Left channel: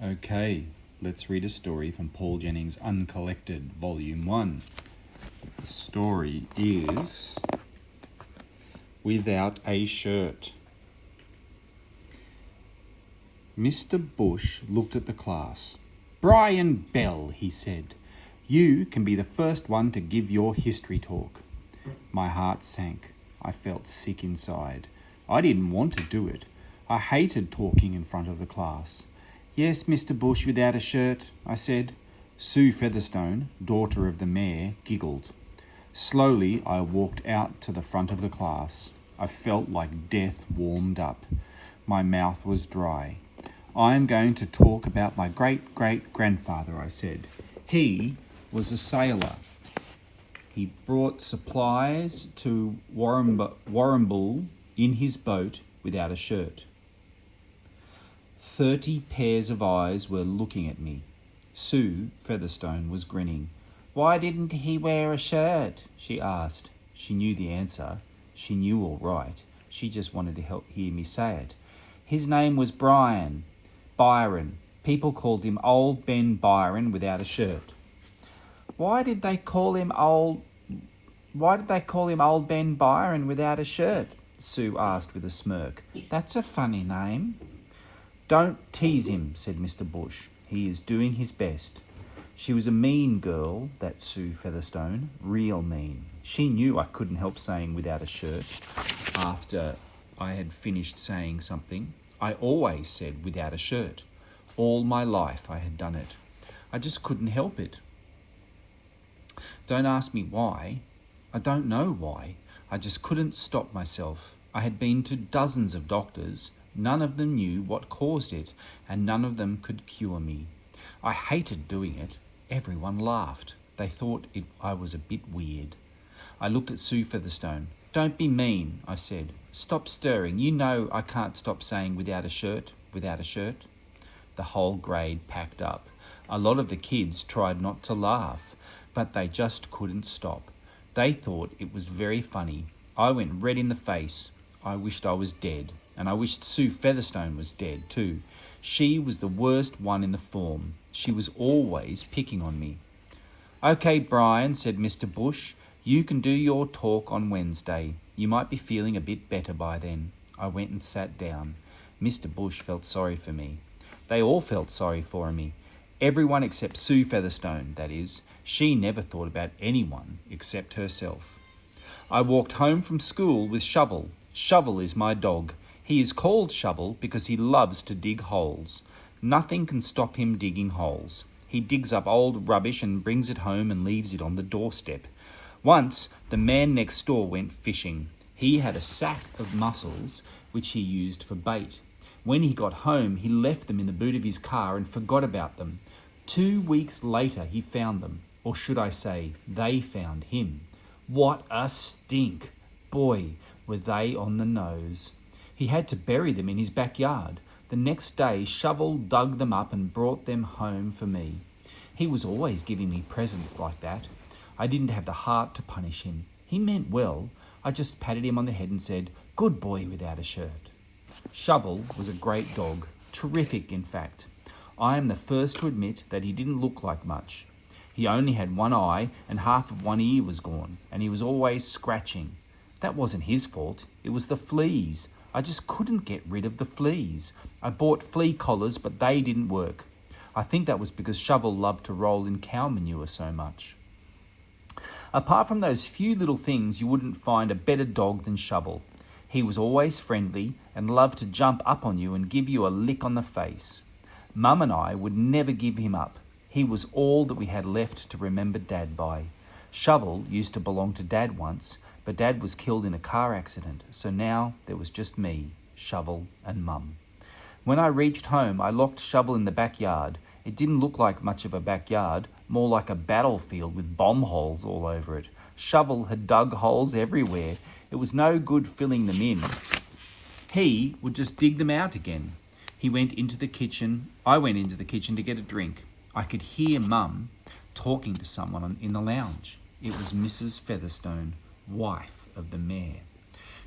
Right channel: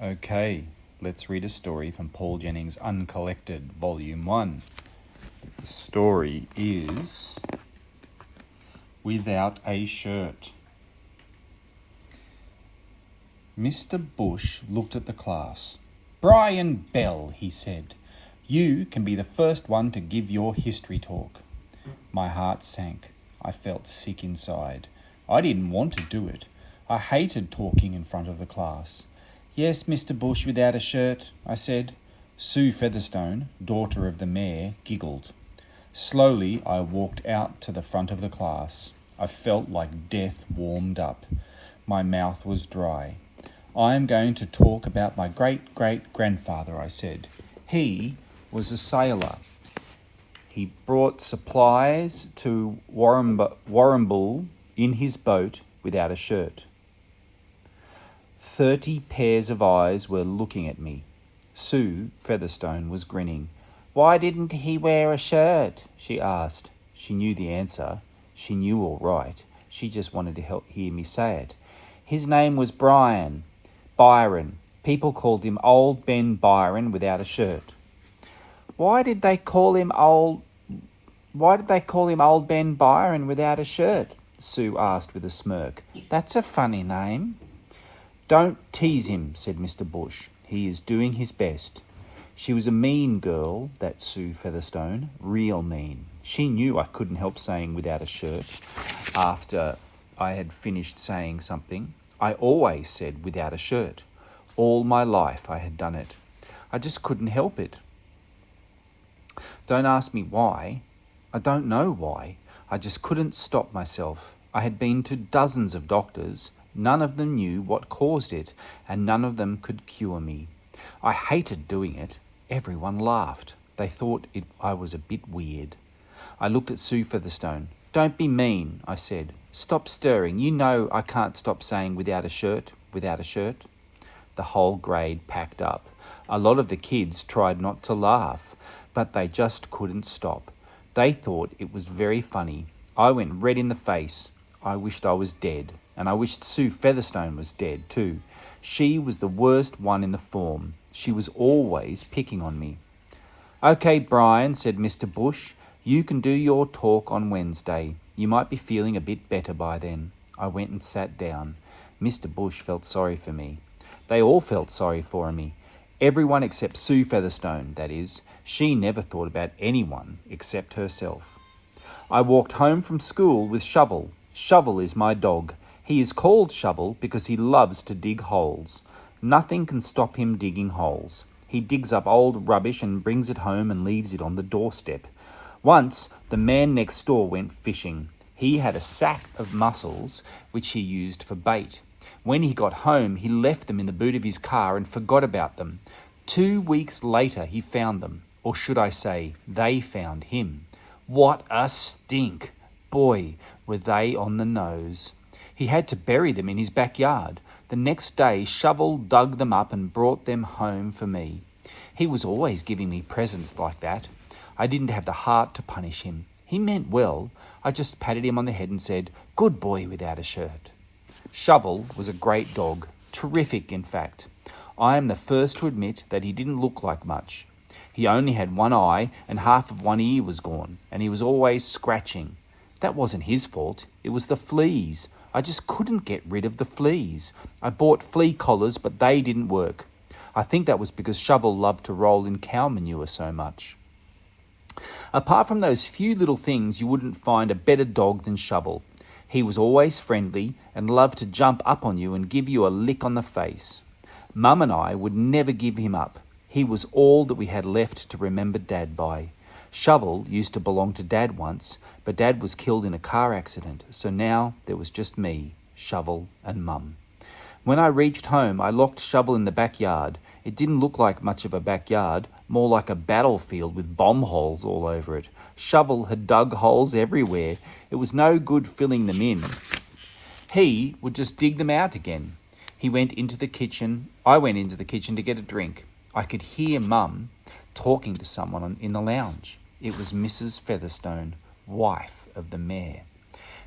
Okay, let's read a story from Paul Jennings' Uncollected, Volume 1. The story is Without a Shirt. Mr. Bush looked at the class. "Brian Bell," he said, "you can be the first one to give your history talk." My heart sank. I felt sick inside. I didn't want to do it. I hated talking in front of the class. "Yes, Mr. Bush without a shirt," I said. Sue Featherstone, daughter of the mayor, giggled. Slowly, I walked out to the front of the class. I felt like death warmed up. My mouth was dry. "I am going to talk about my great-great-grandfather," I said. "He was a sailor. He brought supplies to Warrnambool in his boat without a shirt." 30 pairs of eyes were looking at me. Sue Featherstone was grinning. "Why didn't he wear a shirt?" she asked. She knew the answer. She knew all right. She just wanted to hear me say it. "His name was Byron. People called him Old Ben Byron without a shirt." Why did they call him Old Ben Byron without a shirt?" Sue asked with a smirk. "That's a funny name." "Don't tease him," said Mr. Bush. "He is doing his best." She was a mean girl, that Sue Featherstone, real mean. She knew I couldn't help saying without a shirt after I had finished saying something. I always said without a shirt. All my life I had done it. I just couldn't help it. Don't ask me why. I don't know why. I just couldn't stop myself. I had been to dozens of doctors. None of them knew what caused it, and none of them could cure me. I hated doing it. Everyone laughed. They thought I was a bit weird. I looked at Sue Featherstone. "Don't be mean," I said. "Stop stirring. You know I can't stop saying without a shirt. The whole grade packed up. A lot of the kids tried not to laugh, but they just couldn't stop. They thought it was very funny. I went red in the face. I wished I was dead, and I wished Sue Featherstone was dead too. She was the worst one in the form. She was always picking on me. "Okay, Brian," said Mr. Bush, "you can do your talk on Wednesday. You might be feeling a bit better by then." I went and sat down. Mr. Bush felt sorry for me. They all felt sorry for me. Everyone except Sue Featherstone, that is. She never thought about anyone except herself. I walked home from school with Shovel. Shovel is my dog. He is called Shovel because he loves to dig holes. Nothing can stop him digging holes. He digs up old rubbish and brings it home and leaves it on the doorstep. Once, the man next door went fishing. He had a sack of mussels, which he used for bait. When he got home, he left them in the boot of his car and forgot about them. 2 weeks later, he found them. Or should I say, they found him. What a stink! Boy, were they on the nose. He had to bury them in his backyard. The next day, Shovel dug them up and brought them home for me. He was always giving me presents like that. I didn't have the heart to punish him. He meant well. I just patted him on the head and said, "Good boy without a shirt." Shovel was a great dog. Terrific, in fact. I am the first to admit that he didn't look like much. He only had one eye and half of one ear was gone, and he was always scratching. That wasn't his fault. It was the fleas. I just couldn't get rid of the fleas. I bought flea collars, but they didn't work. I think that was because Shovel loved to roll in cow manure so much. Apart from those few little things, you wouldn't find a better dog than Shovel. He was always friendly and loved to jump up on you and give you a lick on the face. Mum and I would never give him up. He was all that we had left to remember Dad by. Shovel used to belong to Dad once, but Dad was killed in a car accident, so now there was just me, Shovel, and Mum. When I reached home, I locked Shovel in the backyard. It didn't look like much of a backyard, more like a battlefield with bomb holes all over it. Shovel had dug holes everywhere. It was no good filling them in. He would just dig them out again. I went into the kitchen to get a drink. I could hear Mum talking to someone in the lounge. It was Mrs. Featherstone, wife of the mayor.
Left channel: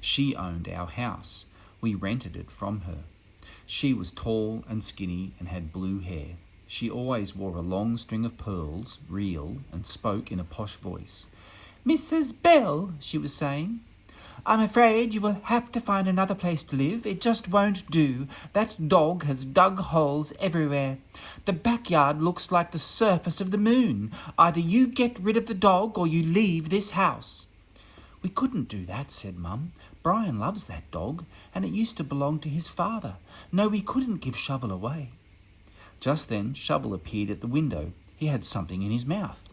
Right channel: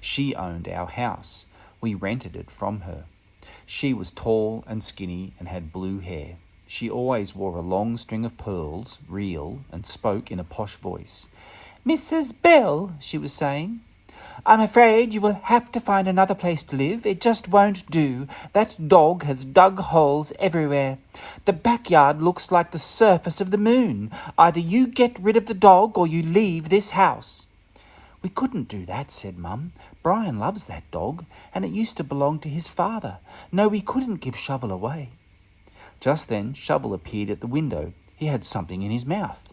She owned our house. We rented it from her. She was tall and skinny and had blue hair. She always wore a long string of pearls, real, and spoke in a posh voice. "Mrs. Bell," she was saying, "I'm afraid you will have to find another place to live. It just won't do. That dog has dug holes everywhere. The backyard looks like the surface of the moon. Either you get rid of the dog or you leave this house." "We couldn't do that," said Mum. "Brian loves that dog, and it used to belong to his father. No, we couldn't give Shovel away." Just then Shovel appeared at the window. He had something in his mouth.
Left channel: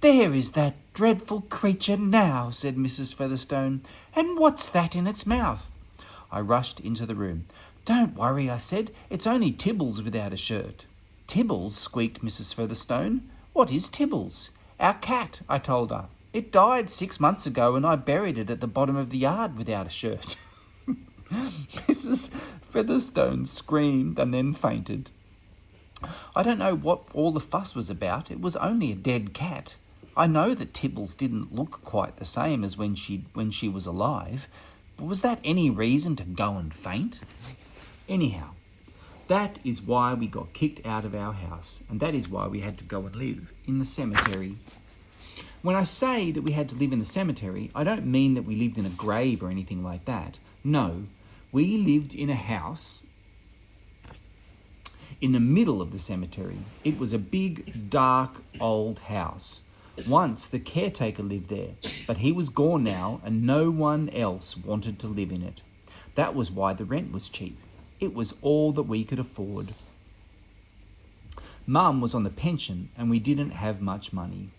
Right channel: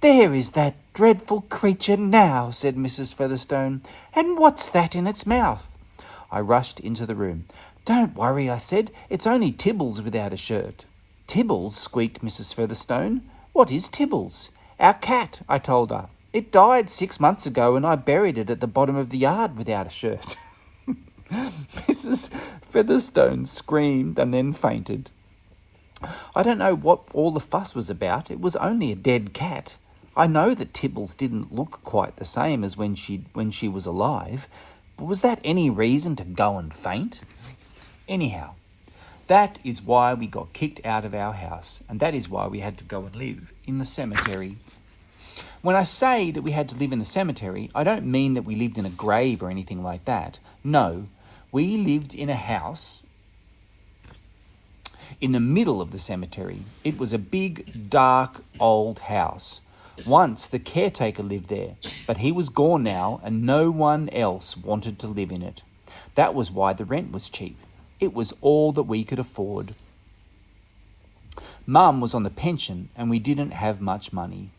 "There is that dreadful creature now," said Mrs. Featherstone. "And what's that in its mouth?" I rushed into the room. "Don't worry," I said. "It's only Tibbles without a shirt." "Tibbles?" squeaked Mrs. Featherstone. "What is Tibbles?" "Our cat," I told her. "It died 6 months ago and I buried it at the bottom of the yard without a shirt." Mrs. Featherstone screamed and then fainted. I don't know what all the fuss was about. It was only a dead cat. I know that Tibbles didn't look quite the same as when she was alive, but was that any reason to go and faint? Anyhow, that is why we got kicked out of our house, and that is why we had to go and live in the cemetery. When I say that we had to live in the cemetery, I don't mean that we lived in a grave or anything like that. No, we lived in a house in the middle of the cemetery. It was a big, dark, old house. Once the caretaker lived there, but he was gone now and no one else wanted to live in it. That was why the rent was cheap. It was all that we could afford. Mum was on the pension and we didn't have much money.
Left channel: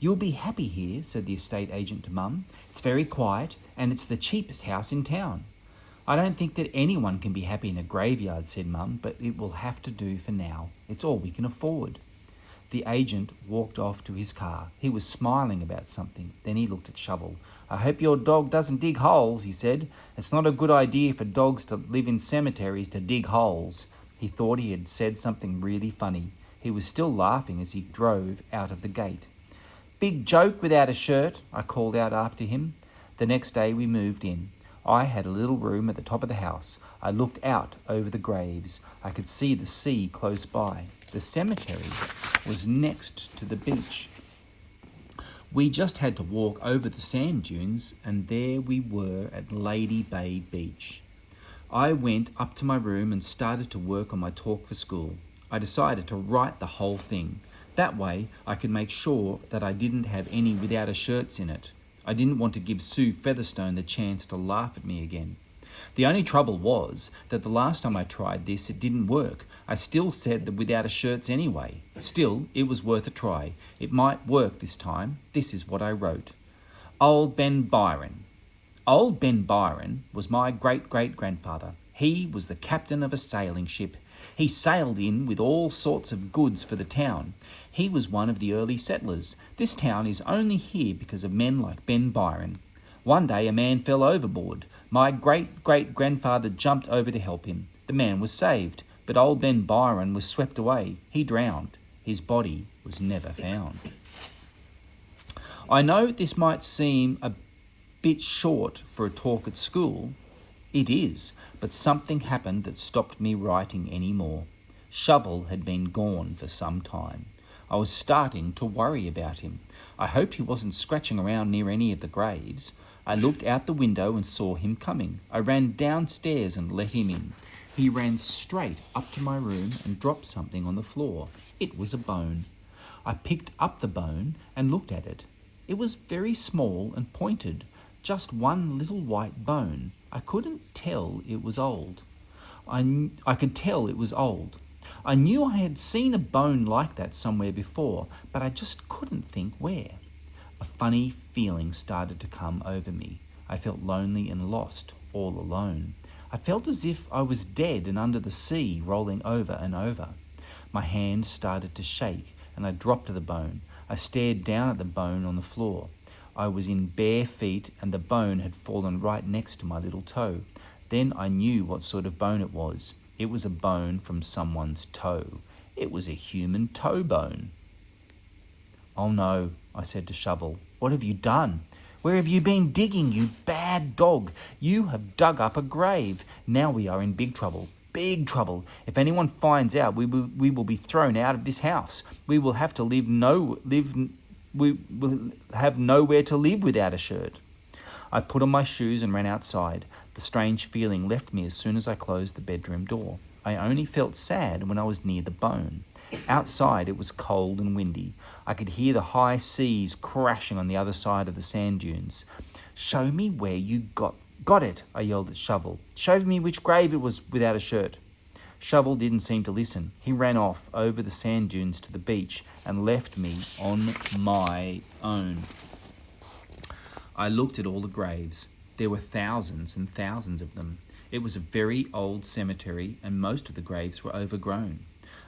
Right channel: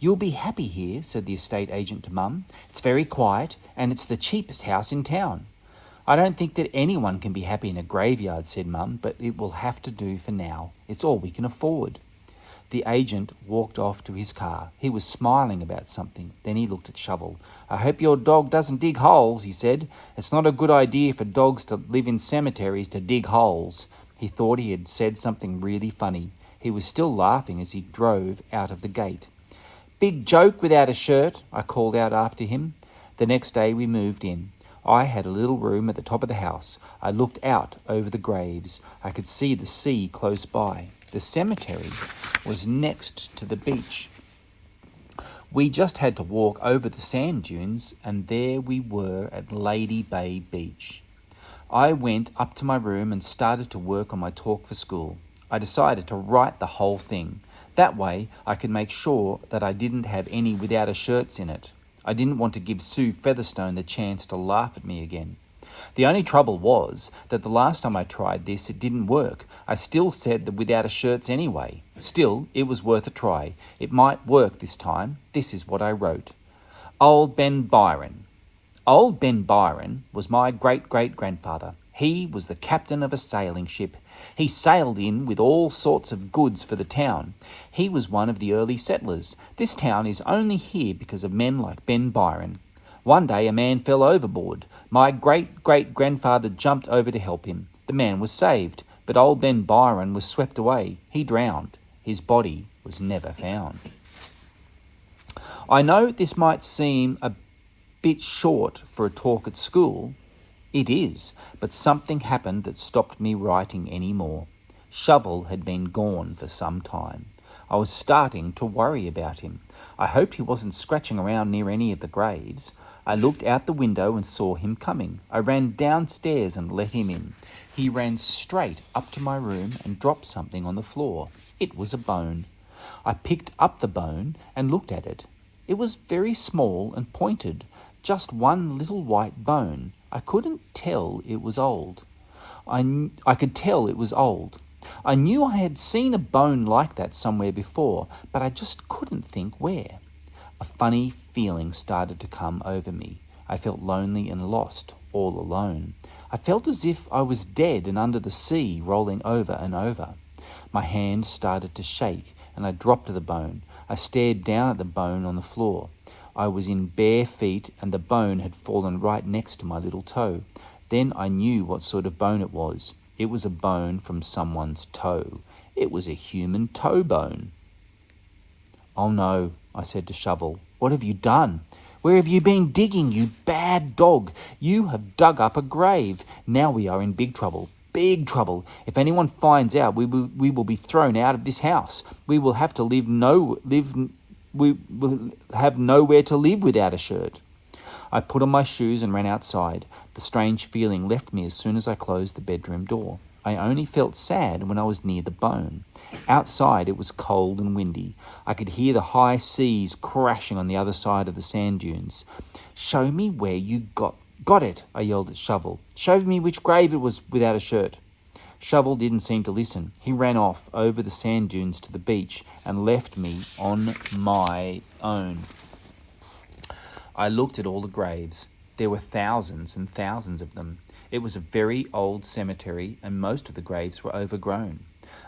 "You'll be happy here," said the estate agent to Mum. "It's very quiet and it's the cheapest house in town." "I don't think that anyone can be happy in a graveyard," said Mum, "but it will have to do for now. It's all we can afford." The agent walked off to his car. He was smiling about something. Then he looked at Shovel. "I hope your dog doesn't dig holes," he said. "It's not a good idea for dogs to live in cemeteries to dig holes." He thought he had said something really funny. He was still laughing as he drove out of the gate. "Big joke without a shirt," I called out after him. The next day we moved in. I had a little room at the top of the house. I looked out over the graves. I could see the sea close by. The cemetery was next to the beach. We just had to walk over the sand dunes, and there we were at Lady Bay Beach. I went up to my room and started to work on my talk for school. I decided to write the whole thing. That way I could make sure that I didn't have any without a shirts in it. I didn't want to give Sue Featherstone the chance to laugh at me again. The only trouble was that the last time I tried this, it didn't work. I still said the without a shirts anyway. Still, it was worth a try. It might work this time. This is what I wrote. Old Ben Byron. Old Ben Byron was my great-great-grandfather. He was the captain of a sailing ship. He sailed in with all sorts of goods for the town. He was one of the early settlers. This town is only here because of men like Ben Byron. One day a man fell overboard. My great-great-grandfather jumped over to help him. The man was saved, but old Ben Byron was swept away. He drowned. His body was never found. I know this might seem a bit short for a talk at school. It is, but something happened that stopped me writing any more. Shovel had been gone for some time. I was starting to worry about him. I hoped he wasn't scratching around near any of the graves. I looked out the window and saw him coming. I ran downstairs and let him in. He ran straight up to my room and dropped something on the floor. It was a bone. I picked up the bone and looked at it. It was very small and pointed, just one little white bone. I couldn't tell it was old. I could tell it was old. I knew I had seen a bone like that somewhere before, but I just couldn't think where. A funny feeling started to come over me. I felt lonely and lost, all alone. I felt as if I was dead and under the sea, rolling over and over. My hand started to shake, and I dropped the bone. I stared down at the bone on the floor. I was in bare feet, and the bone had fallen right next to my little toe. Then I knew what sort of bone it was. It was a bone from someone's toe. It was a human toe bone. "Oh no," I said to Shovel. "What have you done? Where have you been digging, you bad dog? You have dug up a grave. Now we are in big trouble." big trouble. If anyone finds out, we will be thrown out of this house. We will have to we will have nowhere to live without a shirt. I put on my shoes and ran outside. The strange feeling left me as soon as I closed the bedroom door. I only felt sad when I was near the bone. Outside it was cold and windy. I could hear the high seas crashing on the other side of the sand dunes. "Show me where you got it," I yelled at Shovel. "Show me which grave it was without a shirt." Shovel didn't seem to listen. He ran off over the sand dunes to the beach and left me on my own. I looked at all the graves. There were thousands and thousands of them. It was a very old cemetery, and most of the graves were overgrown.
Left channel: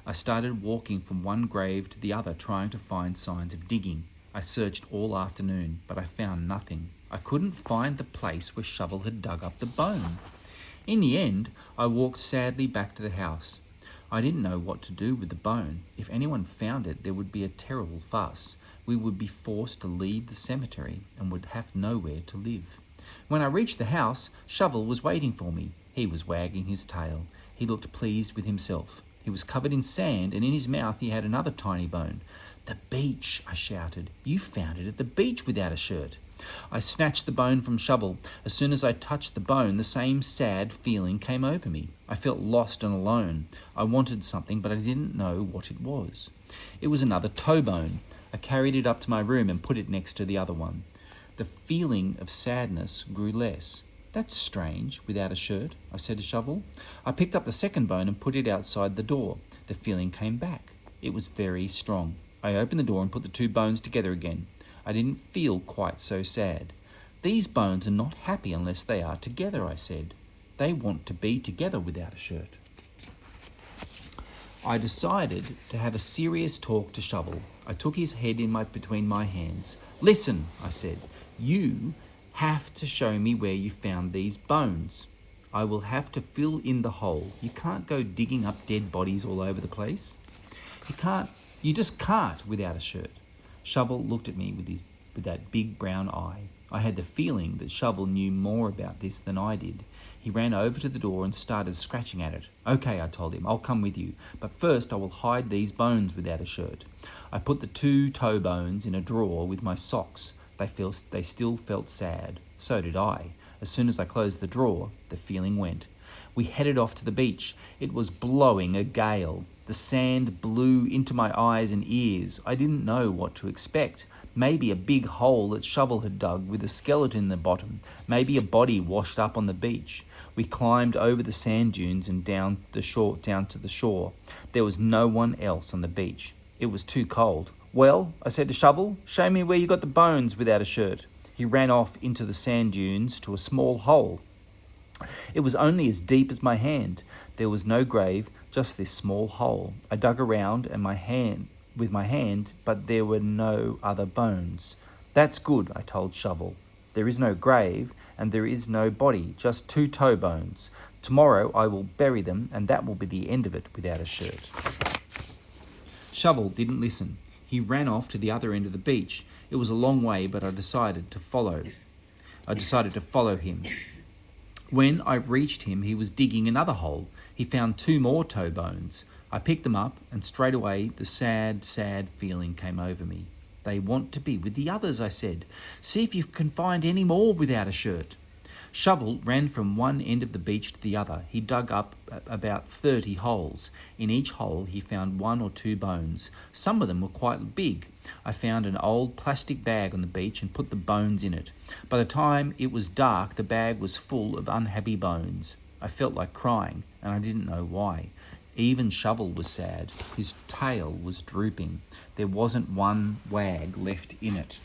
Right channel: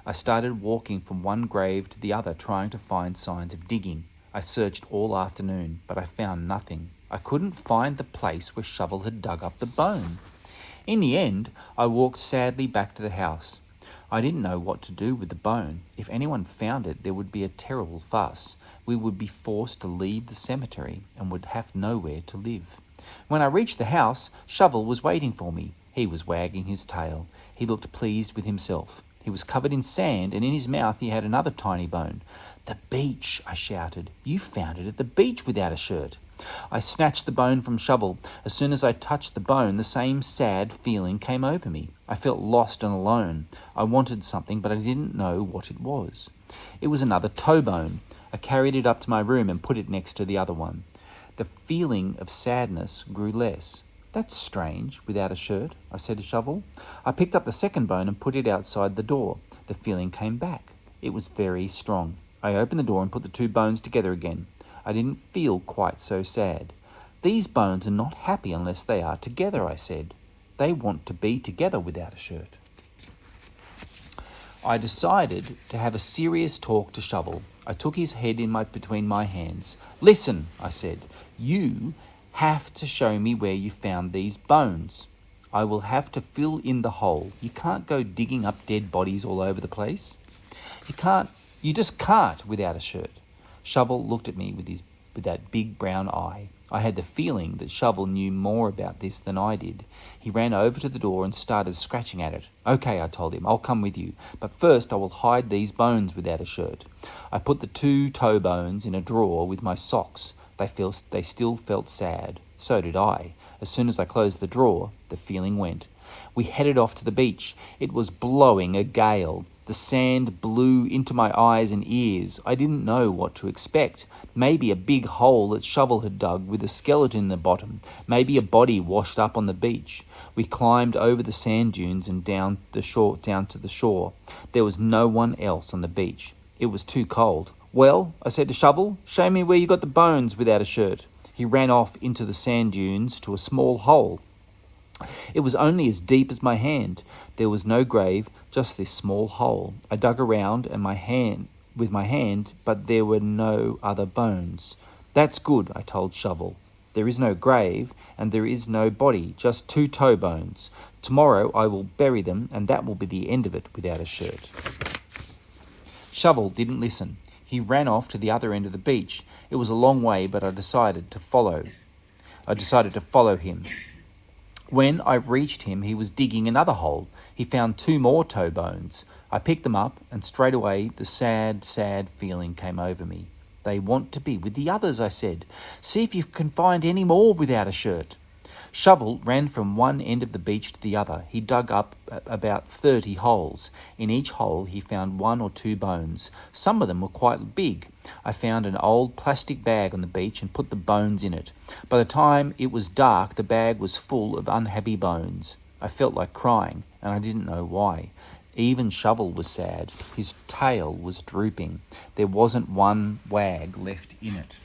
I started walking from one grave to the other, trying to find signs of digging. I searched all afternoon, but I found nothing. I couldn't find the place where Shovel had dug up the bone. In the end, I walked sadly back to the house. I didn't know what to do with the bone. If anyone found it, there would be a terrible fuss. We would be forced to leave the cemetery and would have nowhere to live. When I reached the house, Shovel was waiting for me. He was wagging his tail. He looked pleased with himself. He was covered in sand, and in his mouth he had another tiny bone. "The beach," I shouted. "You found it at the beach without a shirt." I snatched the bone from Shovel. As soon as I touched the bone, the same sad feeling came over me. I felt lost and alone. I wanted something, but I didn't know what it was. It was another toe bone. I carried it up to my room and put it next to the other one. The feeling of sadness grew less. "That's strange, without a shirt," I said to Shovel. I picked up the second bone and put it outside the door. The feeling came back. It was very strong. I opened the door and put the two bones together again. I didn't feel quite so sad. "These bones are not happy unless they are together," I said. "They want to be together without a shirt." I decided to have a serious talk to Shovel. I took his head between my hands. "Listen," I said. "You have to show me where you found these bones. I will have to fill in the hole. You can't go digging up dead bodies all over the place. You just can't without a shirt." Shovel looked at me with that big brown eye. I had the feeling that Shovel knew more about this than I did. He ran over to the door and started scratching at it. "Okay," I told him, "I'll come with you. But first I will hide these bones without a shirt." I put the two toe bones in a drawer with my socks. They still felt sad. So did I. As soon as I closed the drawer, the feeling went. We headed off to the beach. It was blowing a gale. The sand blew into my eyes and ears. I didn't know what to expect. Maybe a big hole that Shovel had dug with a skeleton in the bottom. Maybe a body washed up on the beach. We climbed over the sand dunes and down to the shore. There was no one else on the beach. It was too cold. "Well," I said to Shovel, "show me where you got the bones without a shirt." He ran off into the sand dunes to a small hole. It was only as deep as my hand. There was no grave, just this small hole. I dug around with my hand, but there were no other bones. "That's good," I told Shovel. "There is no grave, and there is no body, just two toe bones. Tomorrow I will bury them, and that will be the end of it without a shirt." Shovel didn't listen. He ran off to the other end of the beach. It was a long way, but I decided to follow him. When I reached him, he was digging another hole. He found two more toe bones. I picked them up, and straight away the sad, sad feeling came over me. "They want to be with the others," I said. "See if you can find any more without a shirt." Shovel ran from one end of the beach to the other. He dug up about 30 holes. In each hole he found one or two bones. Some of them were quite big. I found an old plastic bag on the beach and put the bones in it. By the time it was dark, the bag was full of unhappy bones. I felt like crying, and I didn't know why. Even Shovel was sad. His tail was drooping. There wasn't one wag left in it.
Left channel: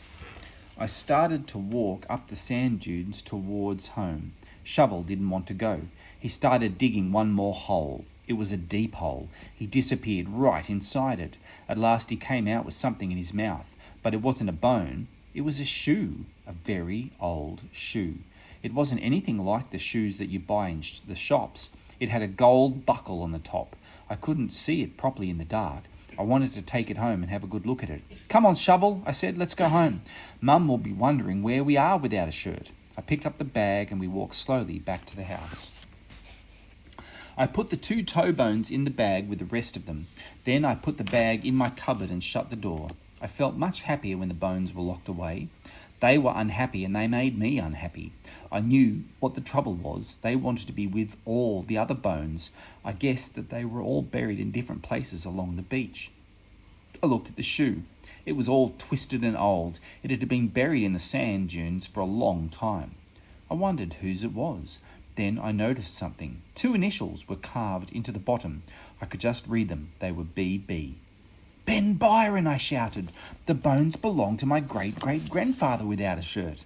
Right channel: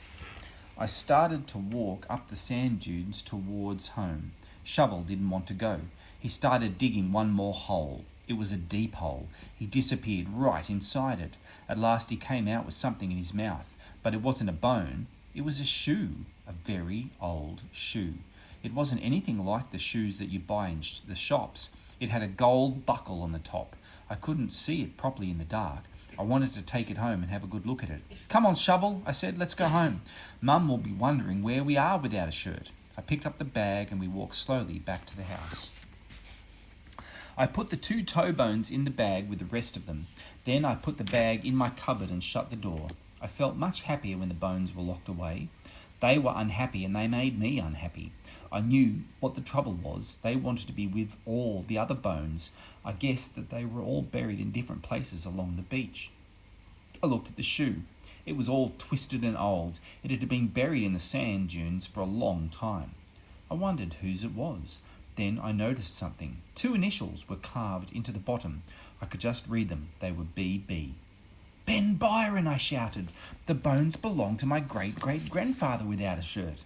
I started to walk up the sand dunes towards home. Shovel didn't want to go. He started digging one more hole. It was a deep hole. He disappeared right inside it. At last he came out with something in his mouth, but it wasn't a bone. It was a shoe, a very old shoe. It wasn't anything like the shoes that you buy in the shops. It had a gold buckle on the top. I couldn't see it properly in the dark. I wanted to take it home and have a good look at it. "Come on, Shovel," I said, "let's go home. Mum will be wondering where we are without a shirt." I picked up the bag and we walked slowly back to the house. I put the 2 toe bones in the bag with the rest of them. Then I put the bag in my cupboard and shut the door. I felt much happier when the bones were locked away. They were unhappy and they made me unhappy. I knew what the trouble was. They wanted to be with all the other bones. I guessed that they were all buried in different places along the beach. I looked at the shoe. It was all twisted and old. It had been buried in the sand dunes for a long time. I wondered whose it was. Then I noticed something. 2 initials were carved into the bottom. I could just read them. They were BB. Ben Byron, I shouted. The bones belong to my great-great-grandfather without a shirt.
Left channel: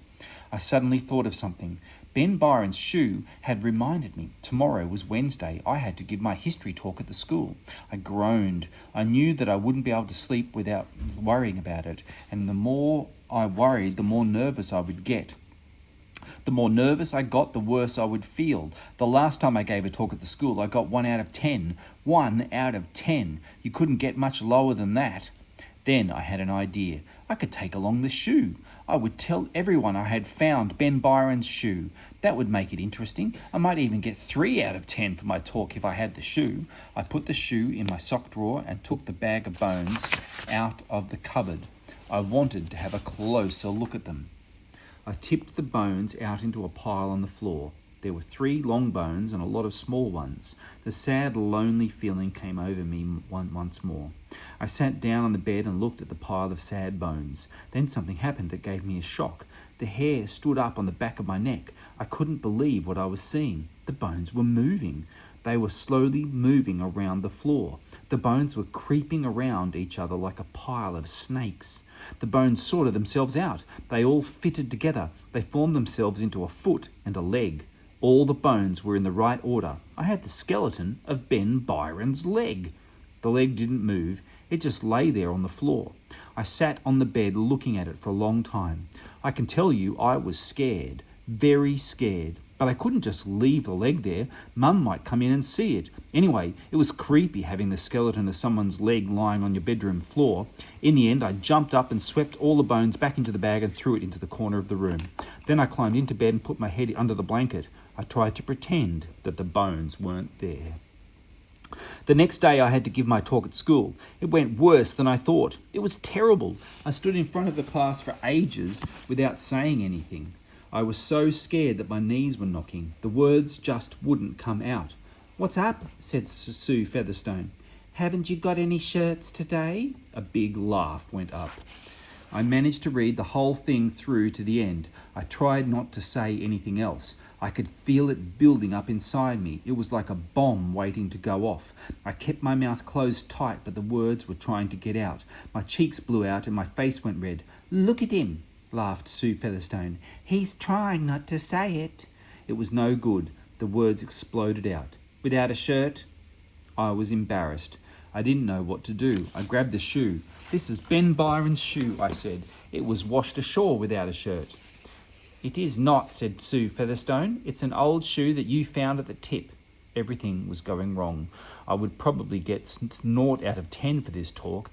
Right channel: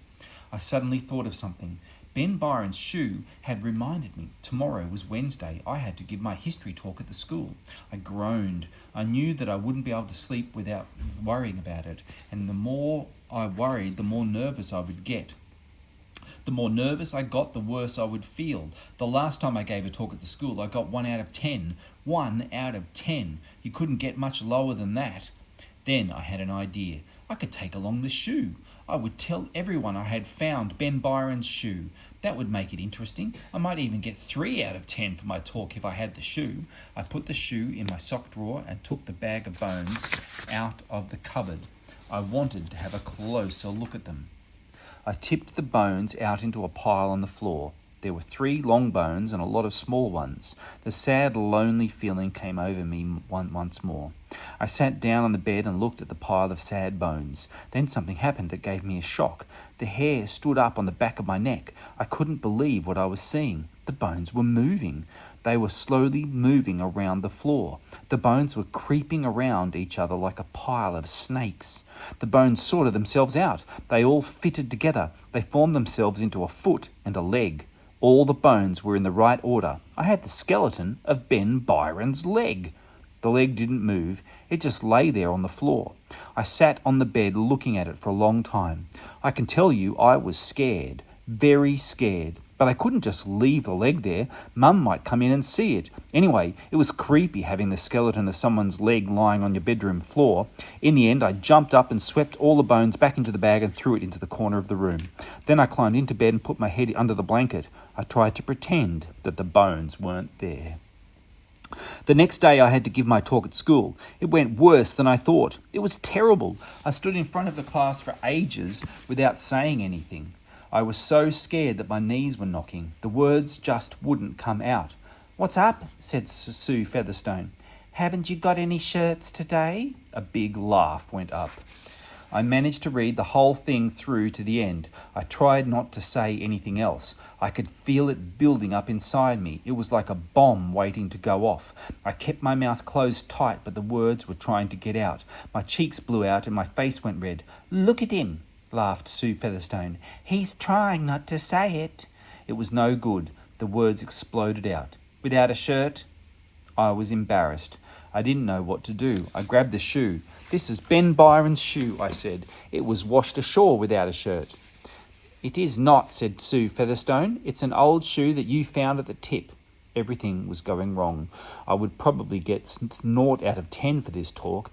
I suddenly thought of something. Ben Byron's shoe had reminded me. Tomorrow was Wednesday. I had to give my history talk at the school. I groaned. I knew that I wouldn't be able to sleep without worrying about it. And the more I worried, the more nervous I would get. The more nervous I got, the worse I would feel. The last time I gave a talk at the school, I got 1 out of 10. 1 out of 10. You couldn't get much lower than that. Then I had an idea. I could take along the shoe. I would tell everyone I had found Ben Byron's shoe. That would make it interesting. I might even get 3 out of 10 for my talk if I had the shoe. I put the shoe in my sock drawer and took the bag of bones out of the cupboard. I wanted to have a closer look at them. I tipped the bones out into a pile on the floor. There were 3 long bones and a lot of small ones. The sad, lonely feeling came over me once more. I sat down on the bed and looked at the pile of sad bones. Then something happened that gave me a shock. The hair stood up on the back of my neck. I couldn't believe what I was seeing. The bones were moving. They were slowly moving around the floor. The bones were creeping around each other like a pile of snakes. The bones sorted themselves out. They all fitted together. They formed themselves into a foot and a leg. All the bones were in the right order. I had the skeleton of Ben Byron's leg. The leg didn't move. It just lay there on the floor. I sat on the bed looking at it for a long time. I can tell you I was scared, very scared. But I couldn't just leave the leg there. Mum might come in and see it. Anyway, it was creepy having the skeleton of someone's leg lying on your bedroom floor. In the end, I jumped up and swept all the bones back into the bag and threw it into the corner of the room. Then I climbed into bed and put my head under the blanket. I tried to pretend that the bones weren't there. The next day I had to give my talk at school. It went worse than I thought. It was terrible. I stood in front of the class for ages without saying anything. I was so scared that my knees were knocking. The words just wouldn't come out. "What's up?" said Sue Featherstone. "Haven't you got any shirts today?" A big laugh went up. I managed to read the whole thing through to the end. I tried not to say anything else. I could feel it building up inside me. It was like a bomb waiting to go off. I kept my mouth closed tight, but the words were trying to get out. My cheeks blew out and my face went red. "Look at him," laughed Sue Featherstone. "He's trying not to say it." It was no good. The words exploded out. "Without a shirt?" I was embarrassed. I didn't know what to do. I grabbed the shoe. "This is Ben Byron's shoe," I said. "It was washed ashore without a shirt." "It is not," said Sue Featherstone. "It's an old shoe that you found at the tip." Everything was going wrong. I would probably get 0 out of 10 for this talk.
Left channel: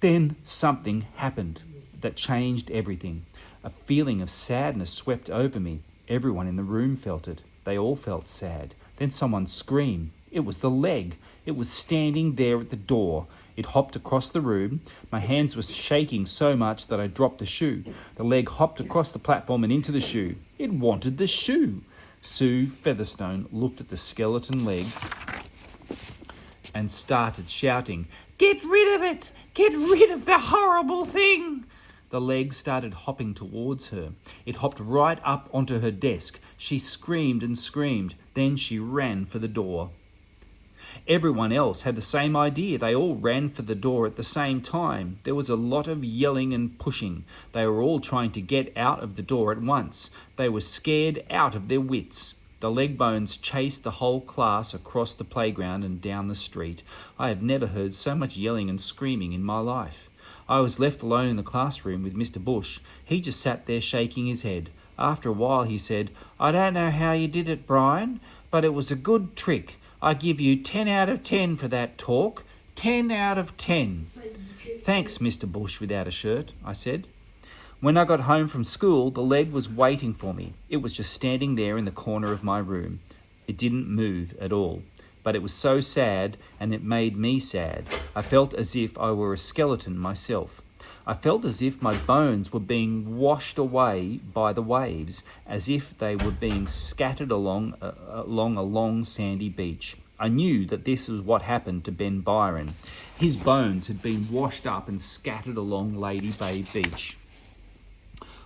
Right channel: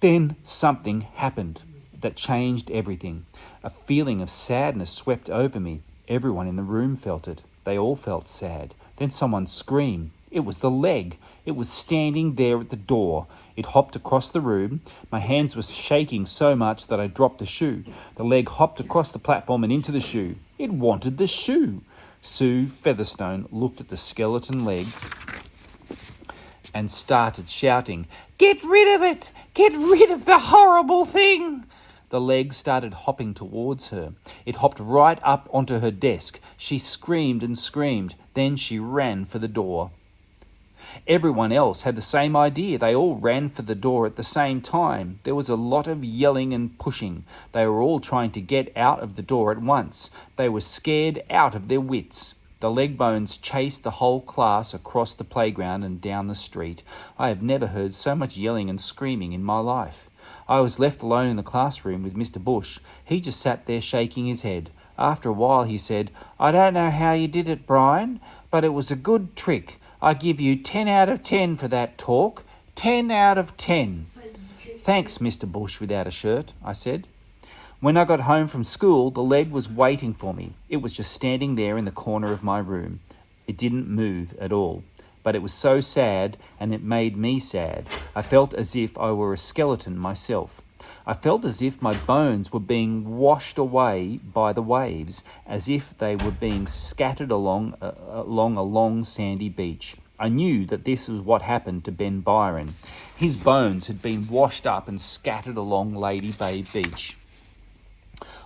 Then something happened that changed everything. A feeling of sadness swept over me. Everyone in the room felt it. They all felt sad. Then someone screamed. It was the leg. It was standing there at the door. It hopped across the room. My hands were shaking so much that I dropped the shoe. The leg hopped across the platform and into the shoe. It wanted the shoe. Sue Featherstone looked at the skeleton leg and started shouting, "Get rid of it! Get rid of the horrible thing!" The leg started hopping towards her. It hopped right up onto her desk. She screamed and screamed. Then she ran for the door. Everyone else had the same idea. They all ran for the door at the same time. There was a lot of yelling and pushing. They were all trying to get out of the door at once. They were scared out of their wits. The leg bones chased the whole class across the playground and down the street. I have never heard so much yelling and screaming in my life. I was left alone in the classroom with Mr. Bush. He just sat there shaking his head. After a while he said, "I don't know how you did it, Brian, but it was a good trick. I give you 10 out of 10 for that talk. 10 out of 10. "Thanks, Mr. Bush without a shirt," I said. When I got home from school, the leg was waiting for me. It was just standing there in the corner of my room. It didn't move at all. but it was so sad, and it made me sad. I felt as if I were a skeleton myself. I felt as if my bones were being washed away by the waves, as if they were being scattered along a long sandy beach. I knew that this was what happened to Ben Byron. His bones had been washed up and scattered along Lady Bay Beach.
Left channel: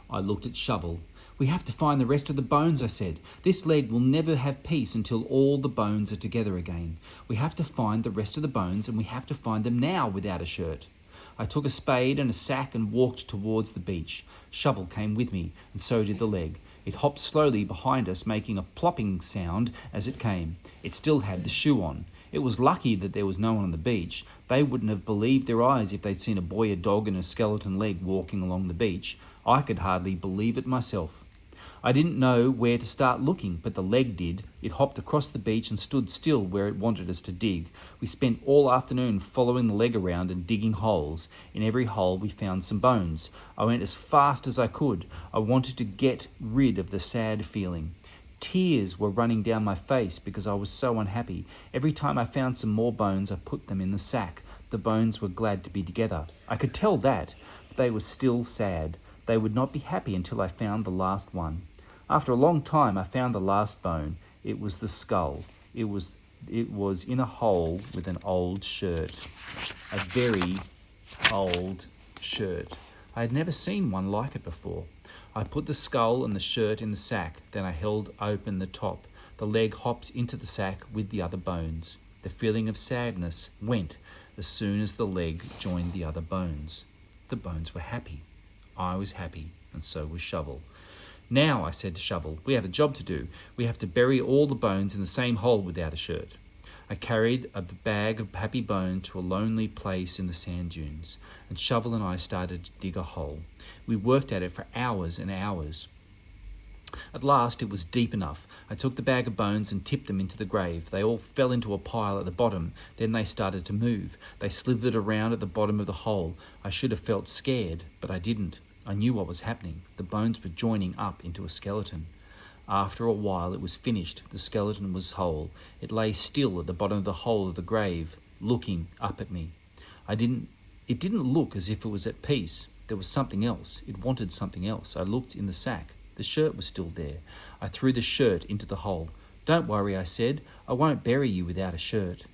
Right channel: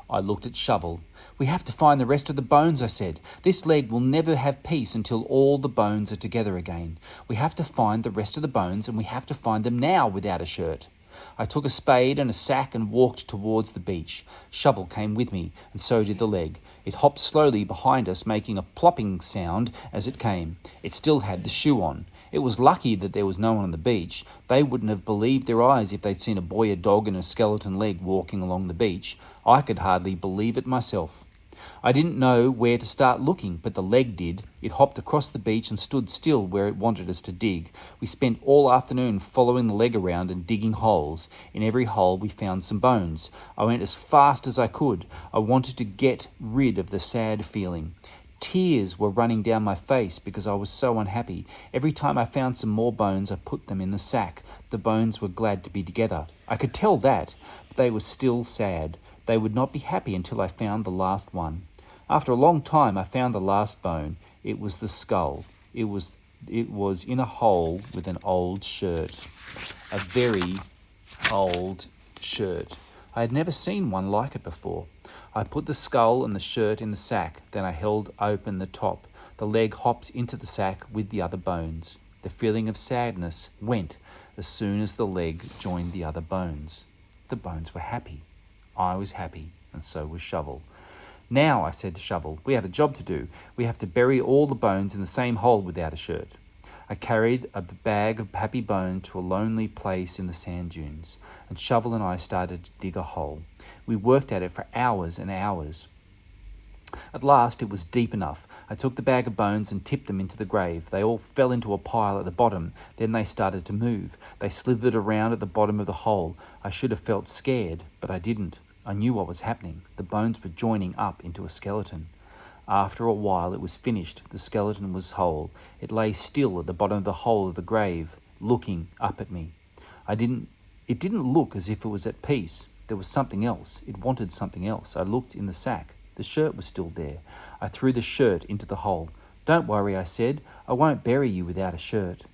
I looked at Shovel. "We have to find the rest of the bones," I said. "This leg will never have peace until all the bones are together again. We have to find the rest of the bones, and we have to find them now without a shirt." I took a spade and a sack and walked towards the beach. Shovel came with me, and so did the leg. It hopped slowly behind us, making a plopping sound as it came. It still had the shoe on. It was lucky that there was no one on the beach. They wouldn't have believed their eyes if they'd seen a boy, a dog, and a skeleton leg walking along the beach. I could hardly believe it myself. I didn't know where to start looking, but the leg did. It hopped across the beach and stood still where it wanted us to dig. We spent all afternoon following the leg around and digging holes. In every hole we found some bones. I went as fast as I could. I wanted to get rid of the sad feeling. Tears were running down my face because I was so unhappy. Every time I found some more bones, I put them in the sack. The bones were glad to be together. I could tell that, but they were still sad. They would not be happy until I found the last one. After a long time, I found the last bone. It was the skull. It was in a hole with an old shirt, a very old shirt. I had never seen one like it before. I put the skull and the shirt in the sack. Then I held open the top. The leg hopped into the sack with the other bones. The feeling of sadness went as soon as the leg joined the other bones. The bones were happy. I was happy, and so was Shovel. "Now," I said to Shovel, "we have a job to do. We have to bury all the bones in the same hole without a shirt." I carried a bag of happy bones to a lonely place in the sand dunes, and Shovel and I started to dig a hole. We worked at it for hours and hours. At last it was deep enough. I took the bag of bones and tipped them into the grave. They all fell into a pile at the bottom. Then they started to move. They slithered around at the bottom of the hole. I should have felt scared, but I didn't. I knew what was happening. The bones were joining up into a skeleton. After a while it was finished. The skeleton was whole. It lay still at the bottom of the hole of the grave, looking up at me. It didn't look as if it was at peace. There was something else. It wanted something else. I looked in the sack. The shirt was still there. I threw the shirt into the hole. "Don't worry," I said. "I won't bury you without a shirt."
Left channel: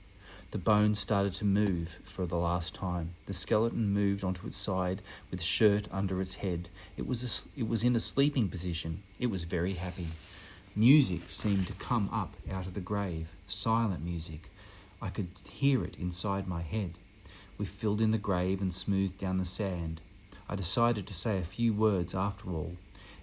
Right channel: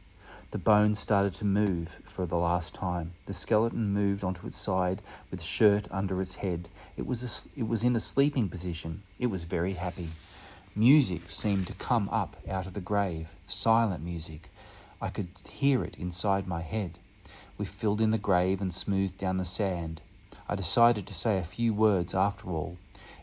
The bones started to move for the last time. The skeleton moved onto its side with the shirt under its head. It was in a sleeping position. It was very happy. Music seemed to come up out of the grave, silent music. I could hear it inside my head. We filled in the grave and smoothed down the sand. I decided to say a few words after all.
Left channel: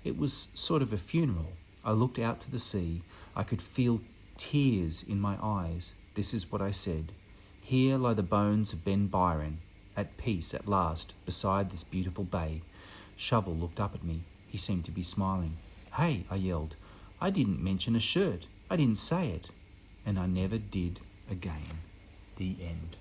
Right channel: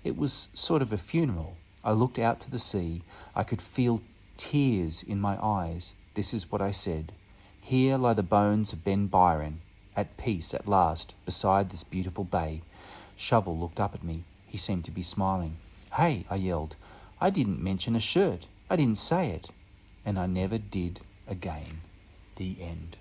It was sort of a funeral. I looked out to the sea. I could feel tears in my eyes. This is what I said. "Here lie the bones of Ben Byron, at peace at last, beside this beautiful bay." Shovel looked up at me. He seemed to be smiling. "Hey," I yelled. "I didn't mention a shirt. I didn't say it." And I never did again. The end.